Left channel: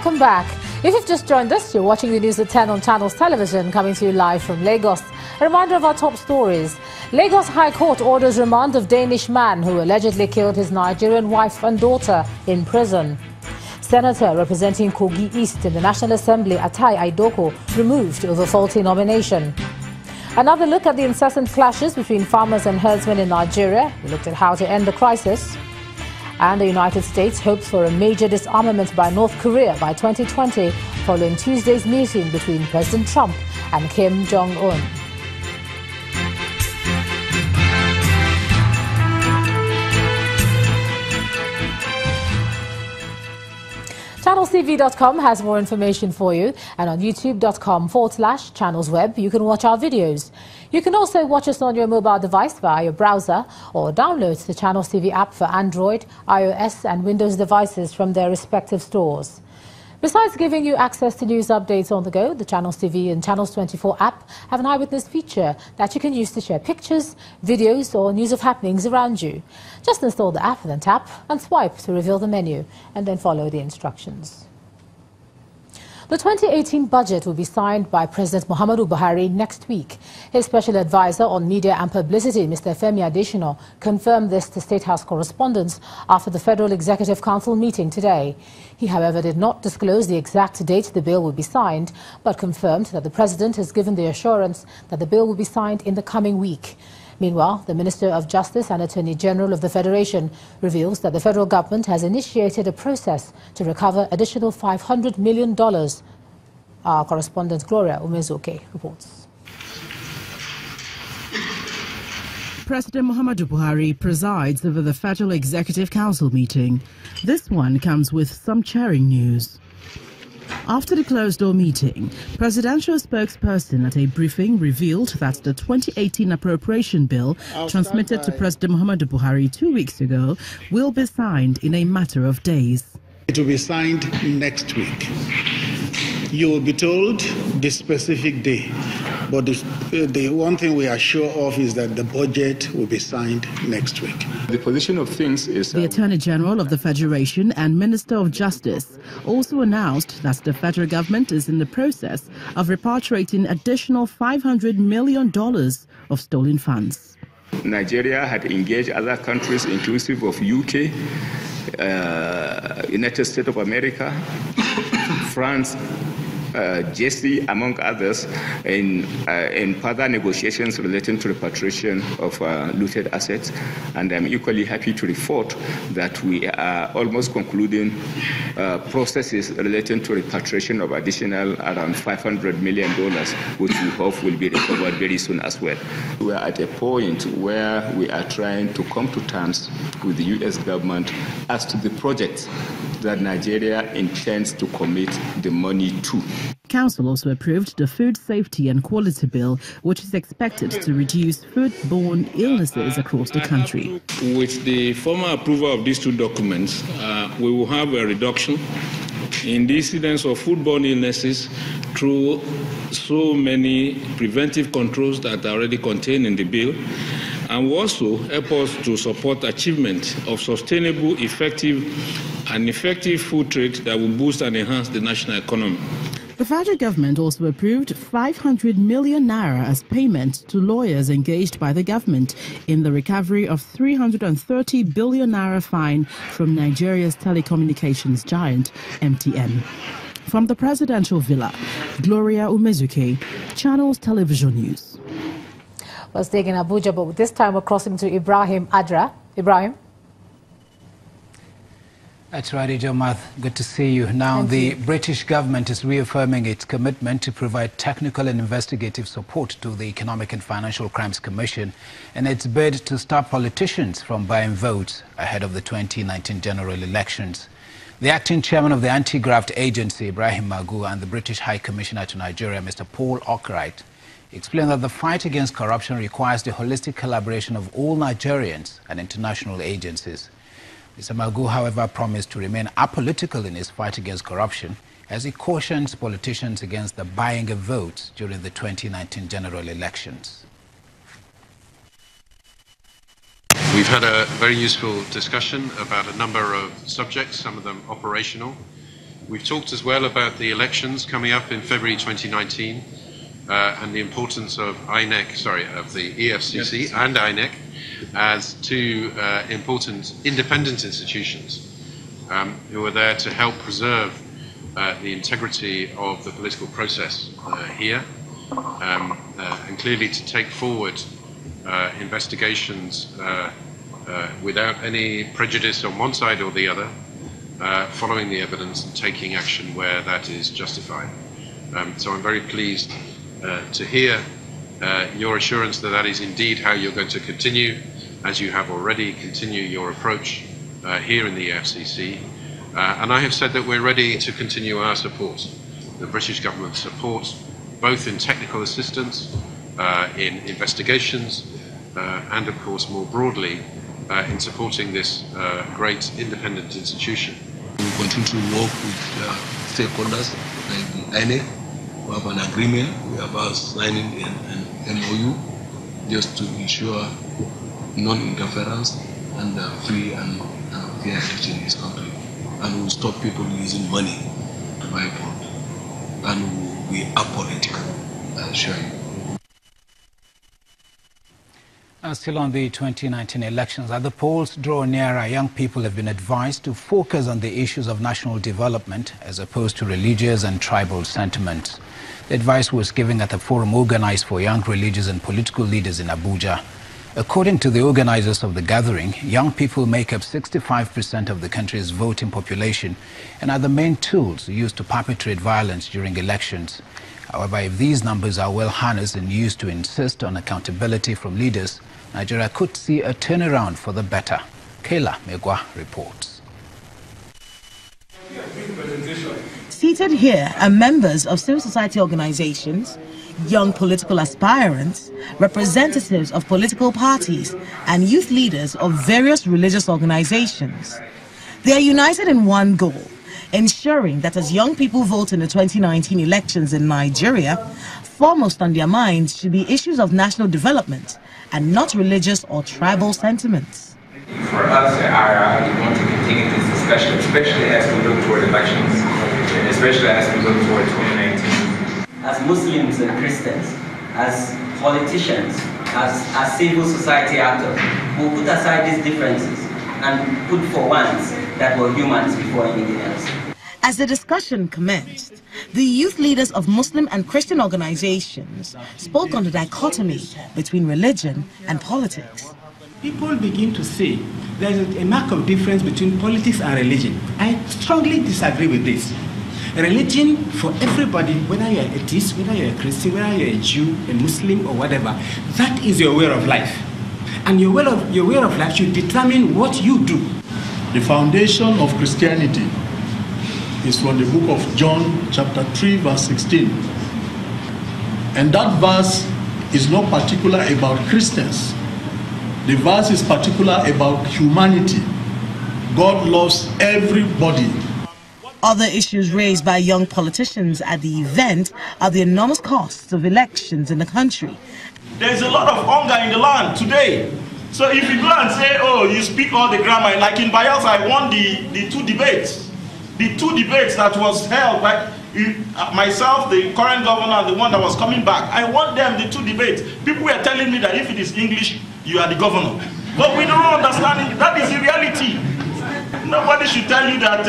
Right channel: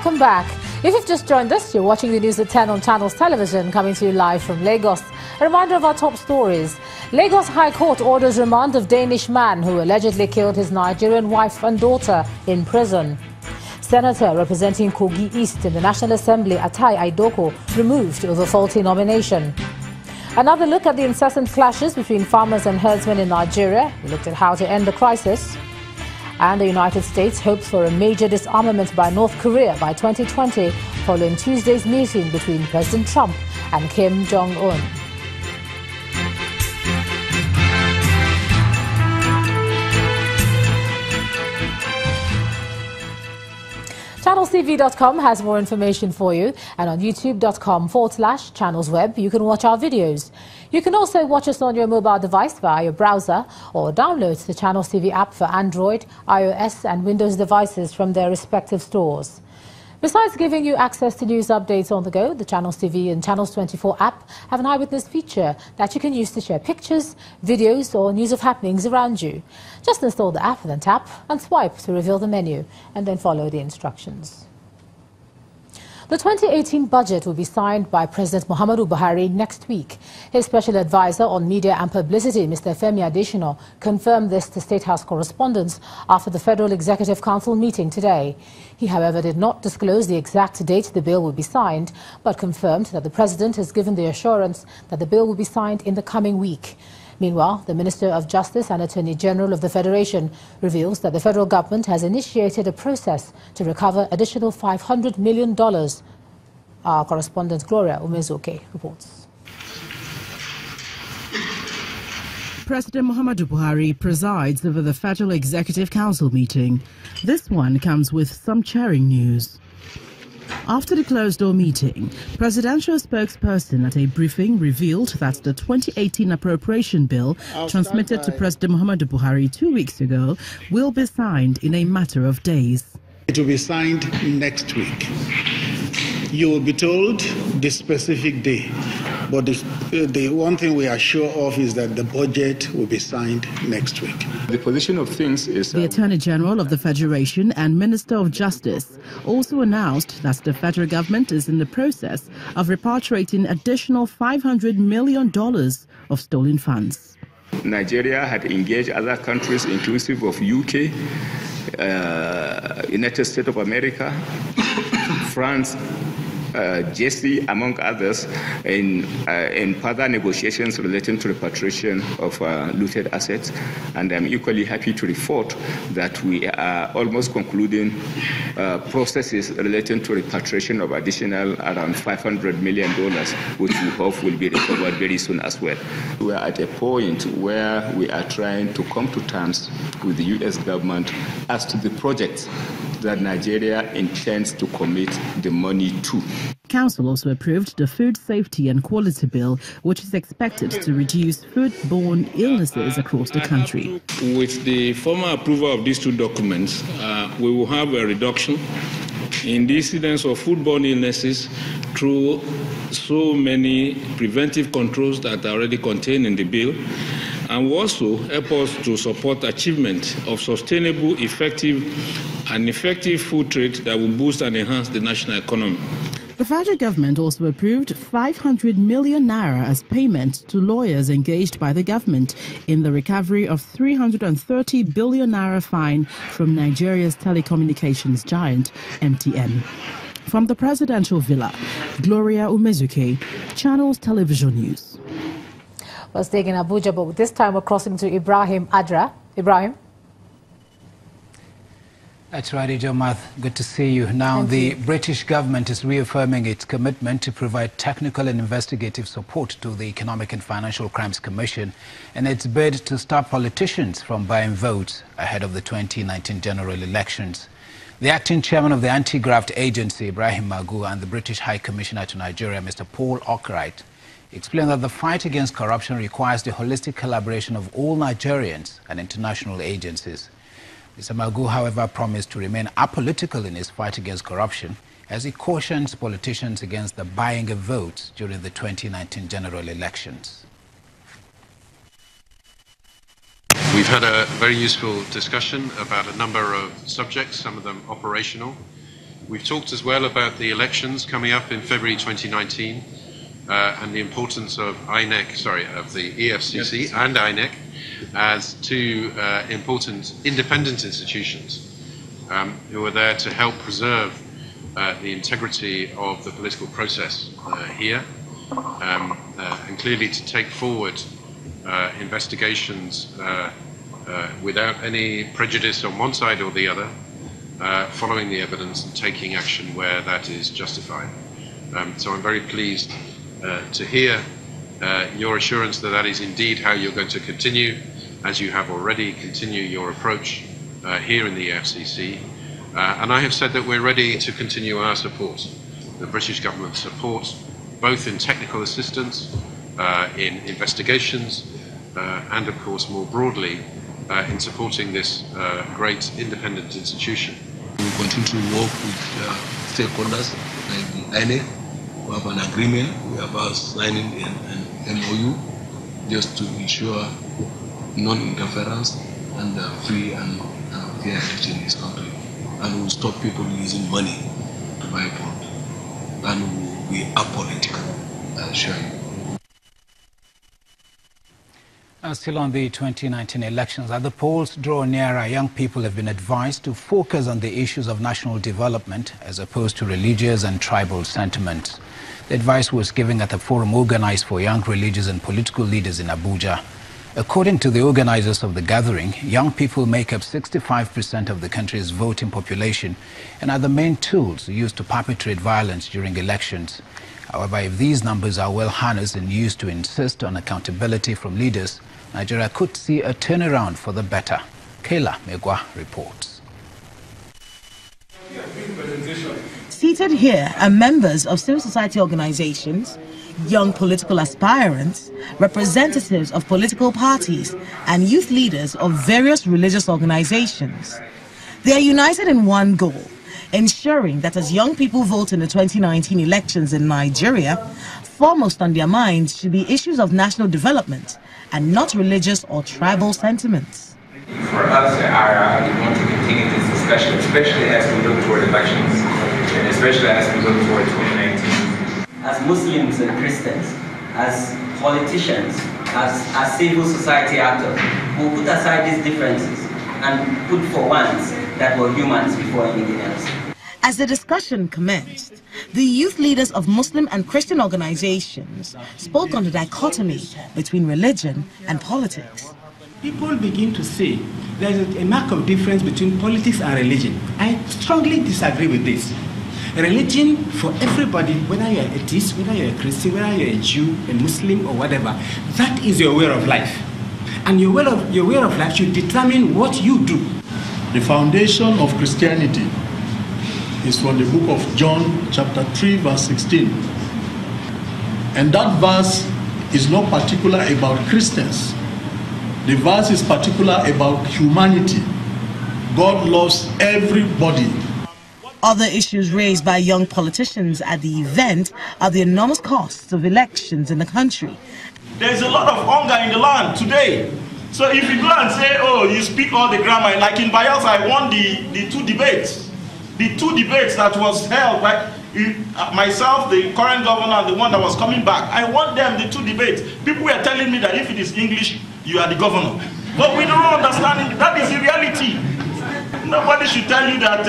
Welcome back. If you've just joined us, you're watching the news at 10 on Channels Television, coming to you live from Lagos. A reminder of our top stories. Lagos High Court orders remand of Danish man who allegedly killed his Nigerian wife and daughter in prison. Senator representing Kogi East in the National Assembly, Atai Aidoko, removed over faulty nomination. Another look at the incessant clashes between farmers and herdsmen in Nigeria. We looked at how to end the crisis. And the United States hopes for a major disarmament by North Korea by 2020, following Tuesday's meeting between President Trump and Kim Jong-un. ChannelsTV.com has more information for you, and on youtube.com/channelsweb you can watch our videos. You can also watch us on your mobile device via your browser or download the Channels TV app for Android, iOS and Windows devices from their respective stores. Besides giving you access to news updates on the go, the Channels TV and Channels 24 app have an eyewitness feature that you can use to share pictures, videos or news of happenings around you. Just install the app and then tap and swipe to reveal the menu and then follow the instructions. The 2018 budget will be signed by President Muhammadu Buhari next week. His special advisor on media and publicity, Mr. Femi Adesina, confirmed this to State House correspondents after the Federal Executive Council meeting today. He, however, did not disclose the exact date the bill will be signed, but confirmed that the President has given the assurance that the bill will be signed in the coming week. Meanwhile, the Minister of Justice and Attorney General of the Federation reveals that the federal government has initiated a process to recover additional $500 million. Our correspondent Gloria Umezuke reports. President Muhammadu Buhari presides over the Federal Executive Council meeting. This one comes with some cheering news. After the closed-door meeting, presidential spokesperson at a briefing revealed that the 2018 appropriation bill transmitted to President Muhammadu Buhari 2 weeks ago will be signed in a matter of days. It will be signed next week. You will be told the specific day, but the one thing we are sure of is that the budget will be signed next week. The position of things is... The Attorney General of the Federation and Minister of Justice also announced that the federal government is in the process of repatriating additional $500 million of stolen funds. Nigeria had engaged other countries, inclusive of UK, United States of America, France, JC, among others, in further negotiations relating to repatriation of looted assets. And I'm equally happy to report that we are almost concluding processes relating to repatriation of additional around $500 million, which we hope will be recovered very soon as well. We are at a point where we are trying to come to terms with the U.S. government as to the projects that Nigeria intends to commit the money to. Council also approved the Food Safety and Quality Bill, which is expected to reduce foodborne illnesses across the country. With the formal approval of these two documents, we will have a reduction in the incidence of foodborne illnesses through so many preventive controls that are already contained in the bill, and will also help us to support achievement of sustainable, effective food trade that will boost and enhance the national economy. The federal government also approved 500 million naira as payment to lawyers engaged by the government in the recovery of 330 billion naira fine from Nigeria's telecommunications giant, MTN. From the presidential villa, Gloria Umezuke, Channels Television News. We're staying in Abuja, but this time we're crossing to Ibrahim Adra. Ibrahim? That's right, Ijomath. Good to see you. Now, the British government is reaffirming its commitment to provide technical and investigative support to the Economic and Financial Crimes Commission in its bid to stop politicians from buying votes ahead of the 2019 general elections. The acting chairman of the Anti-Graft Agency, Ibrahim Magu, and the British High Commissioner to Nigeria, Mr. Paul Ockright, explained that the fight against corruption requires the holistic collaboration of all Nigerians and international agencies. Mr. Magu, however, promised to remain apolitical in his fight against corruption as he cautions politicians against the buying of votes during the 2019 general elections. We've had a very useful discussion about a number of subjects, some of them operational. We've talked as well about the elections coming up in February 2019 and the importance of the EFCC and INEC as two important independent institutions who are there to help preserve the integrity of the political process here and clearly to take forward investigations without any prejudice on one side or the other, following the evidence and taking action where that is justified. So I'm very pleased to hear your assurance that that is indeed how you're going to continue, as you have already continued your approach here in the FCC. And I have said that we're ready to continue our support, the British government's support, both in technical assistance, in investigations, and of course more broadly in supporting this great independent institution. We continue to work with stakeholders like the INEC. We have an agreement. We are about signing an MOU just to ensure non-interference and free and fair election in this country. And we will stop people using money to buy votes. And we will be apolitical, I assure you. Still on the 2019 elections, as the polls draw nearer, young people have been advised to focus on the issues of national development as opposed to religious and tribal sentiments. The advice was given at a forum organized for young religious and political leaders in Abuja. According to the organizers of the gathering, young people make up 65% of the country's voting population and are the main tools used to perpetrate violence during elections. However, if these numbers are well harnessed and used to insist on accountability from leaders, Nigeria could see a turnaround for the better. Kayla Megwa reports. Seated here are members of civil society organizations, young political aspirants, representatives of political parties, and youth leaders of various religious organizations. They are united in one goal: ensuring that as young people vote in the 2019 elections in Nigeria, foremost on their minds should be issues of national development and not religious or tribal sentiments. For us at IRA, we want to continue this discussion, especially as we look toward elections, and especially as we look toward 2019. As Muslims and Christians, as politicians, as civil society actors, we'll put aside these differences and put for once that we're humans before anything else. As the discussion commenced, the youth leaders of Muslim and Christian organizations spoke on the dichotomy between religion and politics. People begin to say there is a mark of difference between politics and religion. I strongly disagree with this. Religion for everybody, whether you're an atheist, whether you're a Christian, whether you're a Jew, a Muslim or whatever, that is your way of life. And your way of life should determine what you do. The foundation of Christianity is from the book of John chapter 3 verse 16. And that verse is not particular about Christians. The verse is particular about humanity. God loves everybody. Other issues raised by young politicians at the event are the enormous costs of elections in the country. There's a lot of hunger in the land today. So if you go and say, oh, you speak all the grammar, like in Bayelsa, I won the two debates. The two debates that was held by myself, the current governor, and the one that was coming back. I won them, the two debates. People were telling me that if it is English, you are the governor. But we don't understand it. That is the reality. Nobody should tell you that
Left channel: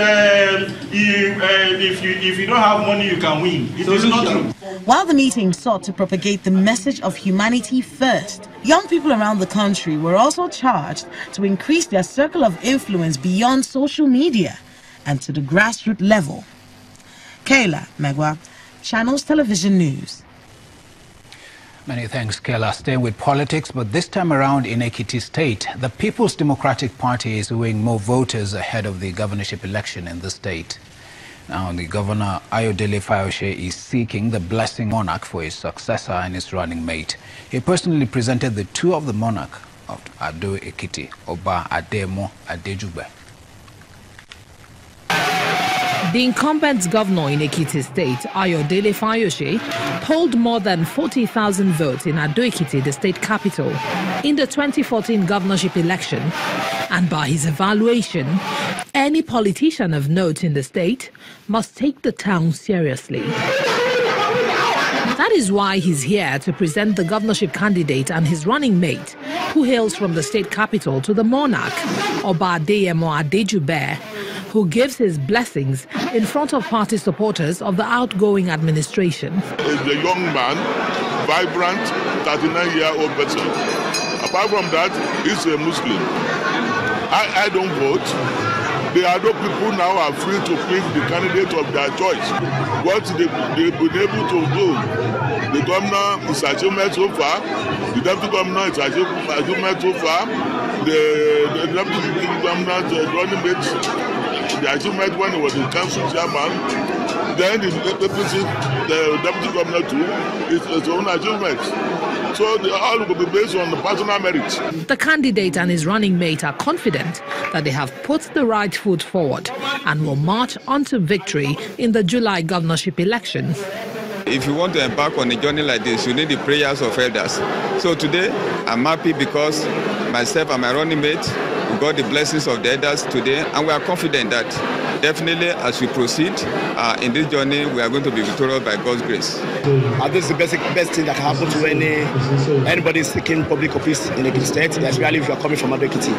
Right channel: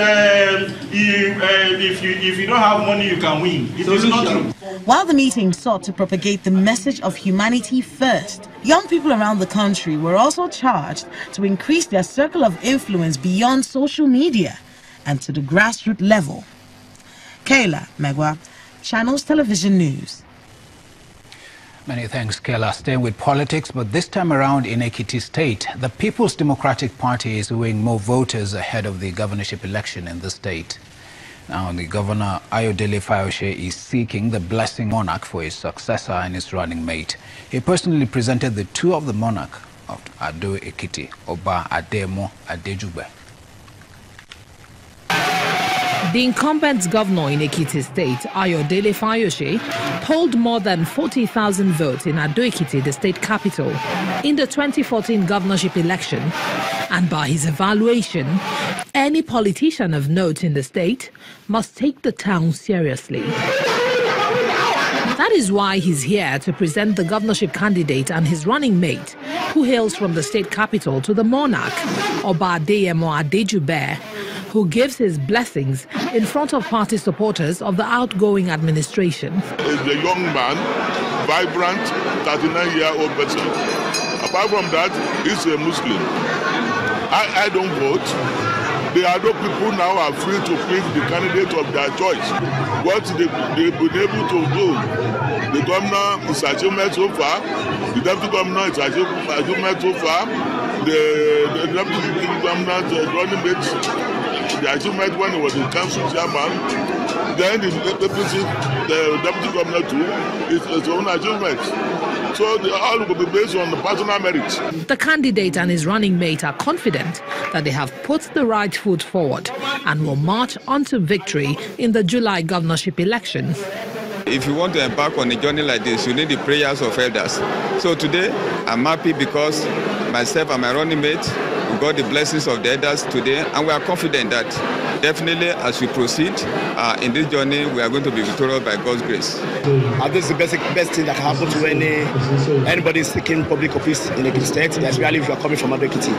if you don't have money, you can win. It is not true. While the meeting sought to propagate the message of humanity first, young people around the country were also charged to increase their circle of influence beyond social media and to the grassroots level. Kayla Megwa, Channels Television News. Many thanks, Kayla. Staying with politics, but this time around in Ekiti State, the People's Democratic Party is winning more voters ahead of the governorship election in the state. Now, the governor, Ayodele Fayose, is seeking the blessing monarch for his successor and his running mate. He personally presented the two of the monarch of Ado Ekiti, Oba Ademo Adejugbe. The incumbent governor in Ekiti State, Ayodele Fayose, polled more than 40,000 votes in Ado Ekiti, the state capital, in the 2014 governorship election, and by his evaluation, Any politician of note in the state must take the town seriously. That is why he's here to present the governorship candidate and his running mate, who hails from the state capital, to the monarch, Oba Adeyemo Adejube, who gives his blessings in front of party supporters of the outgoing administration. He's a young man, vibrant, 39-year-old person. Apart from that, he's a Muslim. I don't vote. The other people now are free to pick the candidate of their choice. What they've been able to do, the governor is achievement so far, the deputy governor is achievement so far, the deputy governor is running mate, the achievement when he was the council chairman, then the deputy governor too is his own achievement. So they all will be based on the personal merit. The candidate and his running mate are confident that they have put the right foot forward and will march on to victory in the July governorship elections. If you want to embark on a journey like this, you need the prayers of elders. So today, I'm happy because myself and my running mate got the blessings of the elders today, and we are confident that definitely as we proceed in this journey, we are going to be victorious by God's grace. This is the best thing that can happen to anybody seeking public office in Ekiti State, especially if you are coming from Ekiti.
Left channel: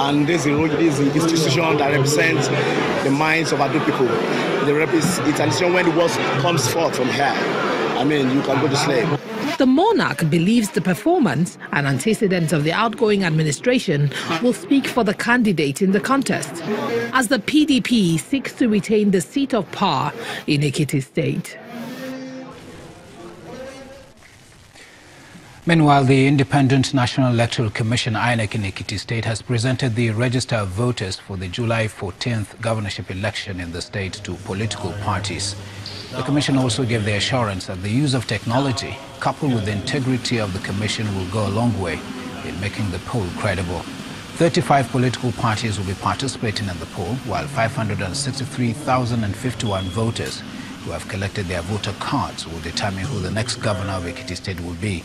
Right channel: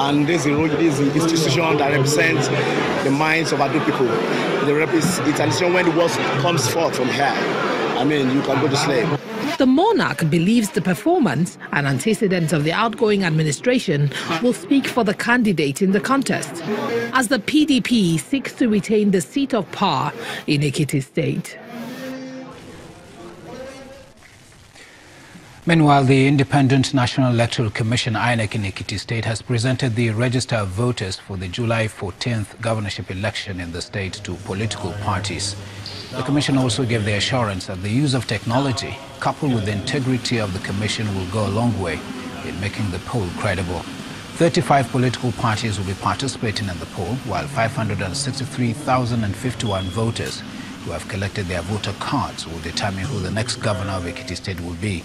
And this is an institution that represents the minds of other people. It's an institution when the word comes forth from here. I mean, you can go to slave. The monarch believes the performance and antecedents of the outgoing administration will speak for the candidate in the contest, as the PDP seeks to retain the seat of power in Ekiti State. Meanwhile, the Independent National Electoral Commission, INEC, in Ekiti State has presented the register of voters for the July 14th governorship election in the state to political parties. The Commission also gave the assurance that the use of technology, coupled with the integrity of the Commission, will go a long way in making the poll credible. 35 political parties will be participating in the poll, while 563,051 voters who have collected their voter cards will determine who the next governor of Ekiti State will be.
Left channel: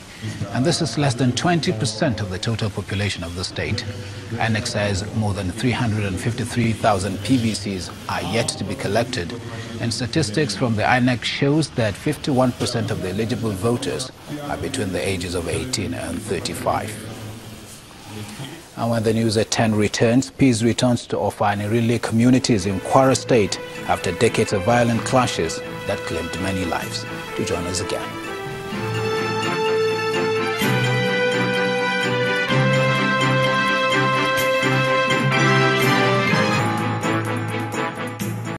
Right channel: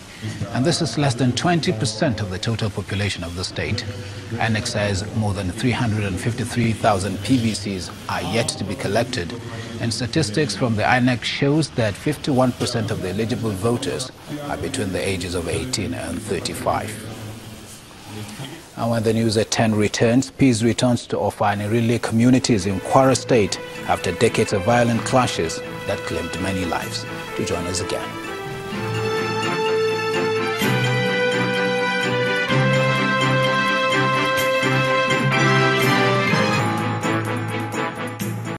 And this is less than 20% of the total population of the state. INEC says more than 353,000 PVCs are yet to be collected, and statistics from the INEC shows that 51% of the eligible voters are between the ages of 18 and 35. And when the news at 10 returns, peace returns to Ofani-Rile communities in Kwara State after decades of violent clashes that claimed many lives. To join us again.